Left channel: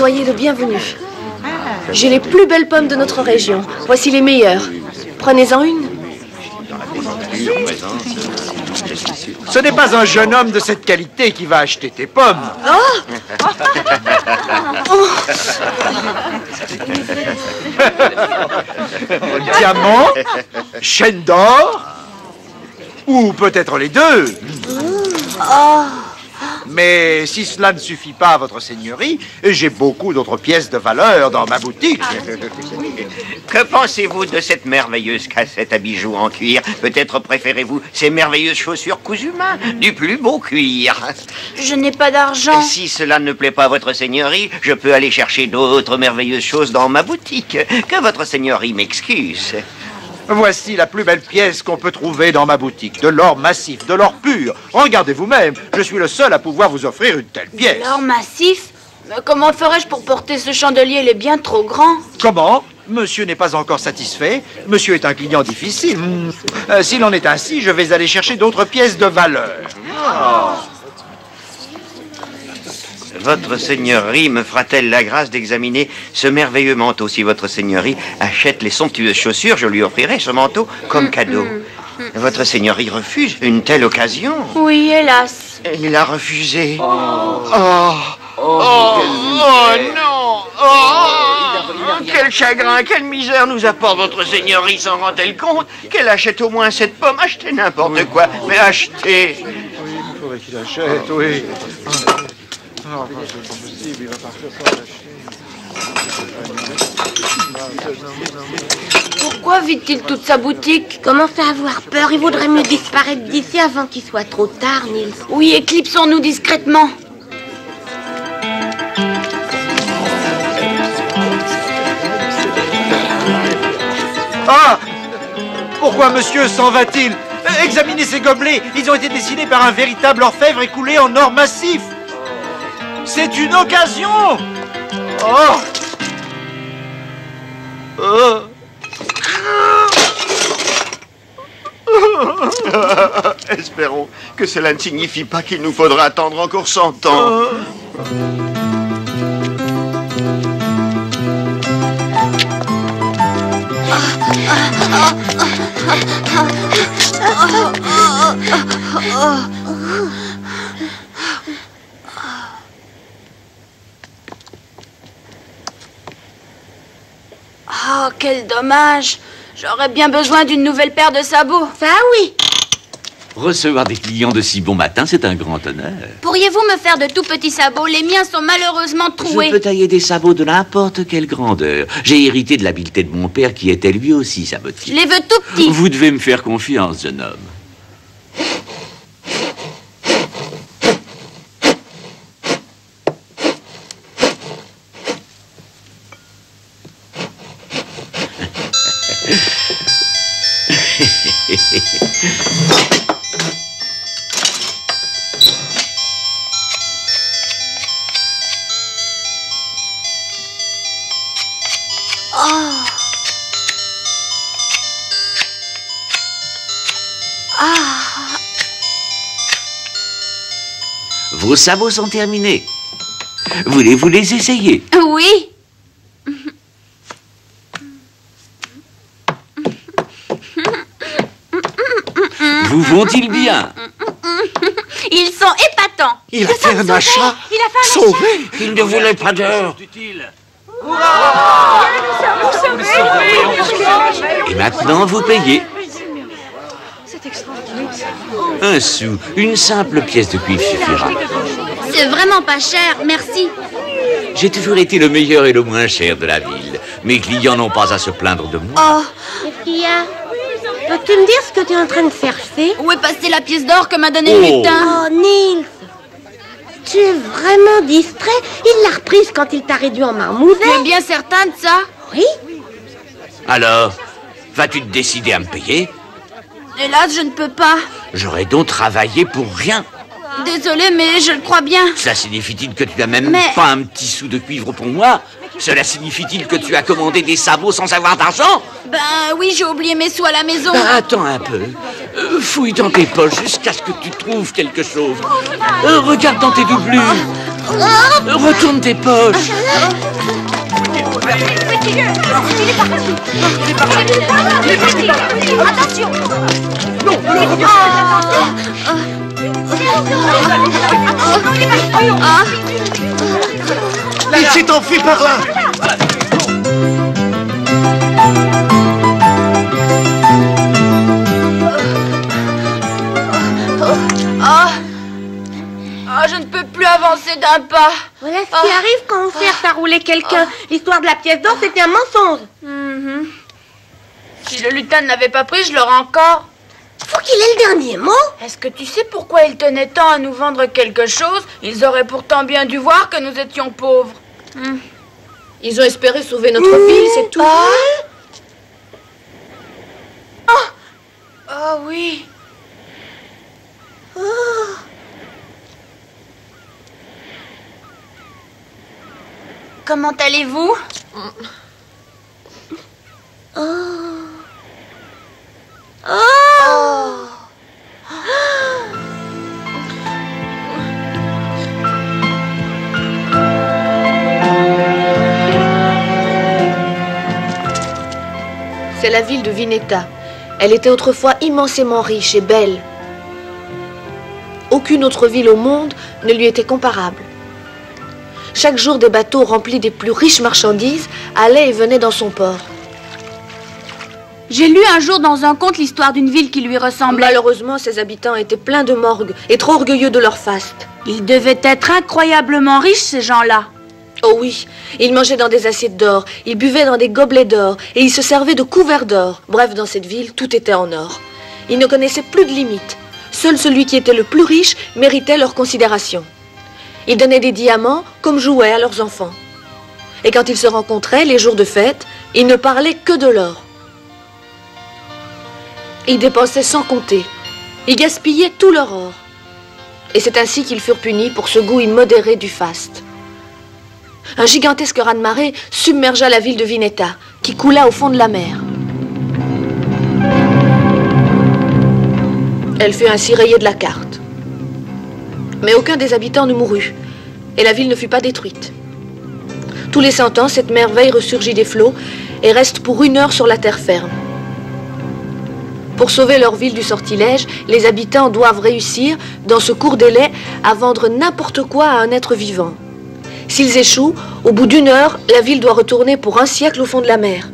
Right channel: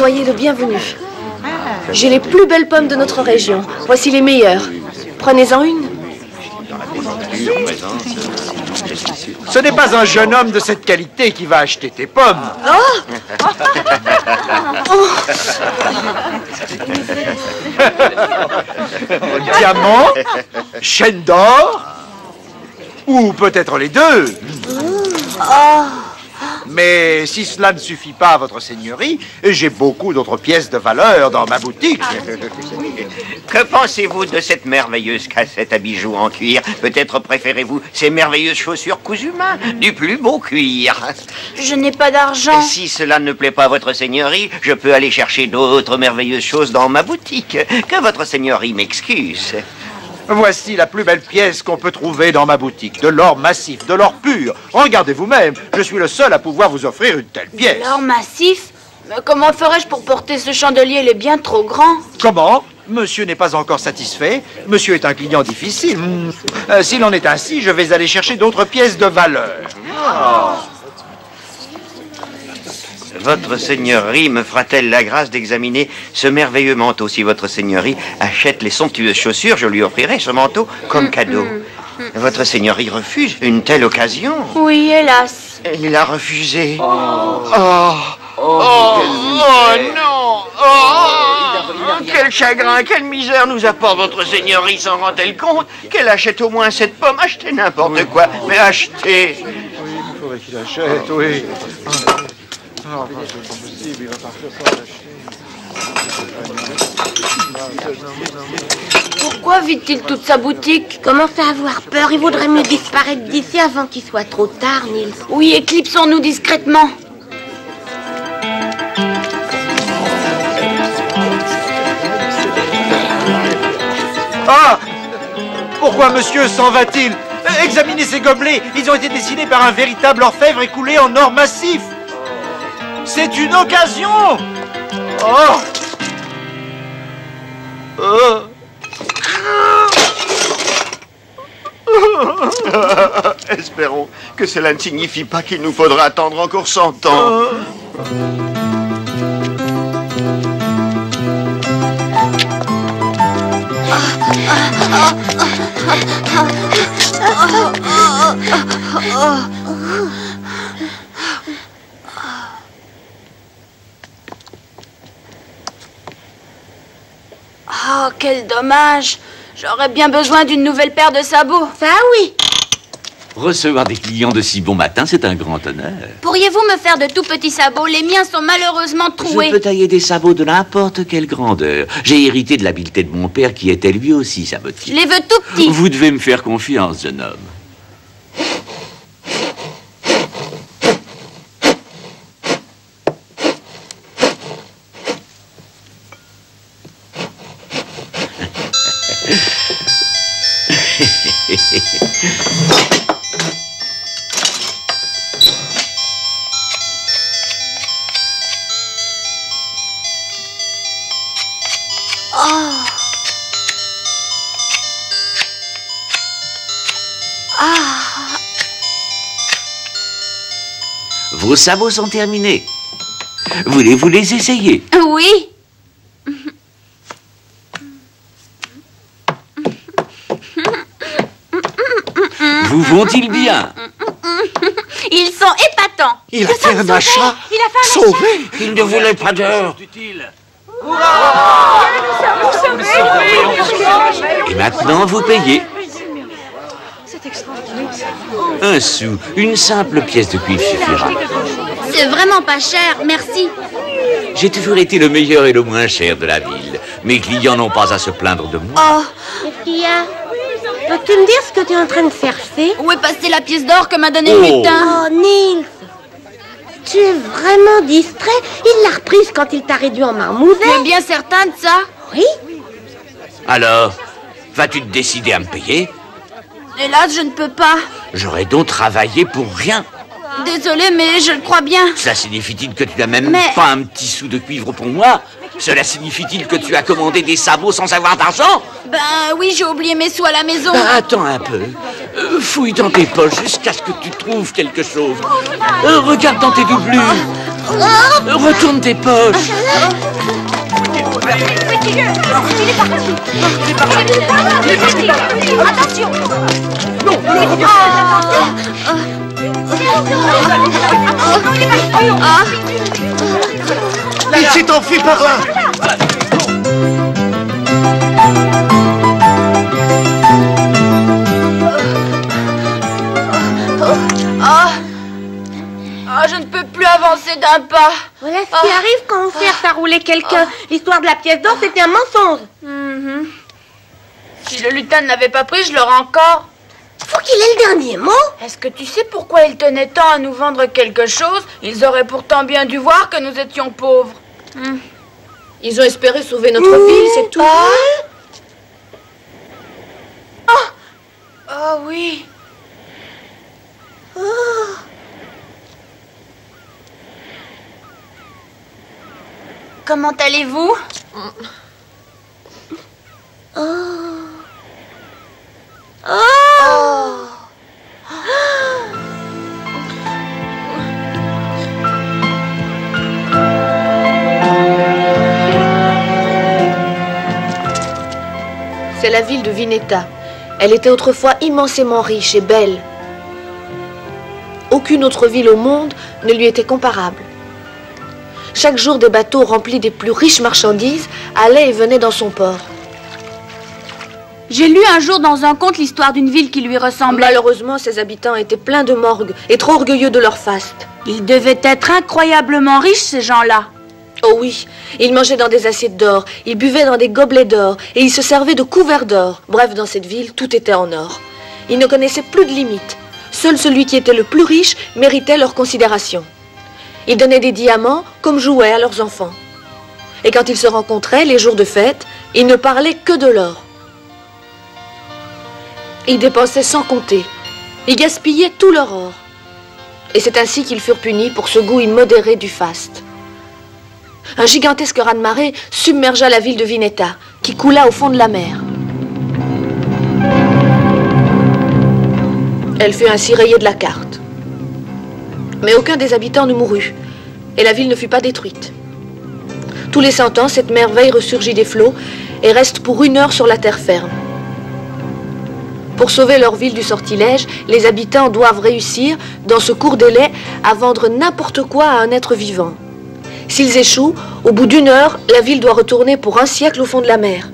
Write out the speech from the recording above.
Soyez le bienvenu. J'ai les plus belles pommes de notre région. Voici les meilleures. Prenez-en une. Ce n'est pas un jeune homme de cette qualité qui va acheter tes pommes. Oh Diamant, chaîne d'or, ou peut-être les deux. Mais si cela ne suffit pas à votre seigneurie, j'ai beaucoup d'autres pièces de valeur dans ma boutique. Que pensez-vous de cette merveilleuse cassette à bijoux en cuir? Peut-être préférez-vous ces merveilleuses chaussures cousues main, du plus beau cuir? Je n'ai pas d'argent. Si cela ne plaît pas à votre seigneurie, je peux aller chercher d'autres merveilleuses choses dans ma boutique. Que votre seigneurie m'excuse. Voici la plus belle pièce qu'on peut trouver dans ma boutique. De l'or massif, de l'or pur. Regardez vous-même, je suis le seul à pouvoir vous offrir une telle pièce. L'or massif? Mais comment ferais-je pour porter ce chandelier? Il est bien trop grand. Comment? Monsieur n'est pas encore satisfait. Monsieur est un client difficile. S'il en est ainsi, je vais aller chercher d'autres pièces de valeur. Votre seigneurie me fera-t-elle la grâce d'examiner ce merveilleux manteau? Si votre seigneurie achète les somptueuses chaussures, je lui offrirai ce manteau comme cadeau. Votre seigneurie refuse une telle occasion? Oui, hélas. Il a refusé. Non! Quel chagrin, quelle misère nous apporte votre seigneurie, s'en rend-elle compte? Qu'elle achète au moins cette pomme. Achetez n'importe quoi, mais achetez. Oui, il faudrait qu'il achète, oui. Non, c'est pas possible, il va partir sans acheter. Pourquoi vide-t-il toute sa boutique? Commence à avoir peur. Il vaudrait mieux disparaître d'ici avant qu'il soit trop tard, Nils. Oui, éclipsons-nous discrètement. Ah! Pourquoi monsieur s'en va-t-il? Examinez ces gobelets. Ils ont été dessinés par un véritable orfèvre et coulés en or massif. C'est une occasion! Oh! Espérons que cela ne signifie pas qu'il nous faudra attendre encore 100 ans. Oh, quel dommage. J'aurais bien besoin d'une nouvelle paire de sabots. Ça, oui. Recevoir des clients de si bon matin, c'est un grand honneur. Pourriez-vous me faire de tout petits sabots? Les miens sont malheureusement troués. Je peux tailler des sabots de n'importe quelle grandeur. J'ai hérité de l'habileté de mon père qui était lui aussi sabotier. Je les veux tout petits. Vous devez me faire confiance, jeune homme. Vos sabots sont terminés. Voulez-vous les essayer? Oui. Vous vont-ils bien? Ils sont épatants. Il a fait un achat. Il a fait un Sauvé. Il ne voulait pas d'heure. Et maintenant, vous payez. Un sou, une simple pièce de cuivre suffira. C'est vraiment pas cher, merci. J'ai toujours été le meilleur et le moins cher de la ville. Mes clients n'ont pas à se plaindre de moi. Oh, Qu'est-ce qu'il y a? Peux-tu me dire ce que tu es en train de chercher? où est passée la pièce d'or que m'a donnée Oh. le lutin? Oh, Nils, tu es vraiment distrait. Il l'a reprise quand il t'a réduit en marmouset. Tu es bien certain de ça? Oui. Alors, vas-tu te décider à me payer? Hélas, je ne peux pas. J'aurais donc travaillé pour rien. Désolée, mais je le crois bien. Cela signifie-t-il que tu n'as même pas un petit sou de cuivre pour moi? Cela signifie-t-il que tu as commandé des sabots sans avoir d'argent? Ben oui, j'ai oublié mes sous à la maison. Attends un peu. Fouille dans tes poches jusqu'à ce que tu trouves quelque chose. Regarde dans tes doublures. Retourne tes poches. Attention. Il s'est enfui par là. Je ne peux plus avancer d'un pas. Voilà ce qui arrive quand on cherche à rouler quelqu'un. L'histoire de la pièce d'or, c'était un mensonge. Si le lutin ne l'avait pas pris, je l'aurais encore. Faut qu'il ait le dernier mot. Est-ce que tu sais pourquoi ils tenaient tant à nous vendre quelque chose? Ils auraient pourtant bien dû voir que nous étions pauvres. Ils ont espéré sauver notre ville, c'est tout. Oh oui. Comment allez-vous? C'est la ville de Vineta. Elle était autrefois immensément riche et belle. Aucune autre ville au monde ne lui était comparable. Chaque jour, des bateaux remplis des plus riches marchandises allaient et venaient dans son port. J'ai lu un jour dans un conte l'histoire d'une ville qui lui ressemblait. Malheureusement, ses habitants étaient pleins de morgue et trop orgueilleux de leur faste. Ils devaient être incroyablement riches, ces gens-là. Oh oui, ils mangeaient dans des assiettes d'or, ils buvaient dans des gobelets d'or et ils se servaient de couverts d'or. Bref, dans cette ville, tout était en or. Ils ne connaissaient plus de limites. Seul celui qui était le plus riche méritait leur considération. Ils donnaient des diamants comme jouets à leurs enfants. Et quand ils se rencontraient, les jours de fête, ils ne parlaient que de l'or. Ils dépensaient sans compter. Ils gaspillaient tout leur or. Et c'est ainsi qu'ils furent punis pour ce goût immodéré du faste. Un gigantesque raz-de-marée submergea la ville de Vineta, qui coula au fond de la mer. Elle fut ainsi rayée de la carte. Mais aucun des habitants ne mourut, et la ville ne fut pas détruite. Tous les 100 ans, cette merveille ressurgit des flots et reste pour 1 heure sur la terre ferme. Pour sauver leur ville du sortilège, les habitants doivent réussir, dans ce court délai, à vendre n'importe quoi à un être vivant. S'ils échouent, au bout d'1 heure, la ville doit retourner pour 1 siècle au fond de la mer.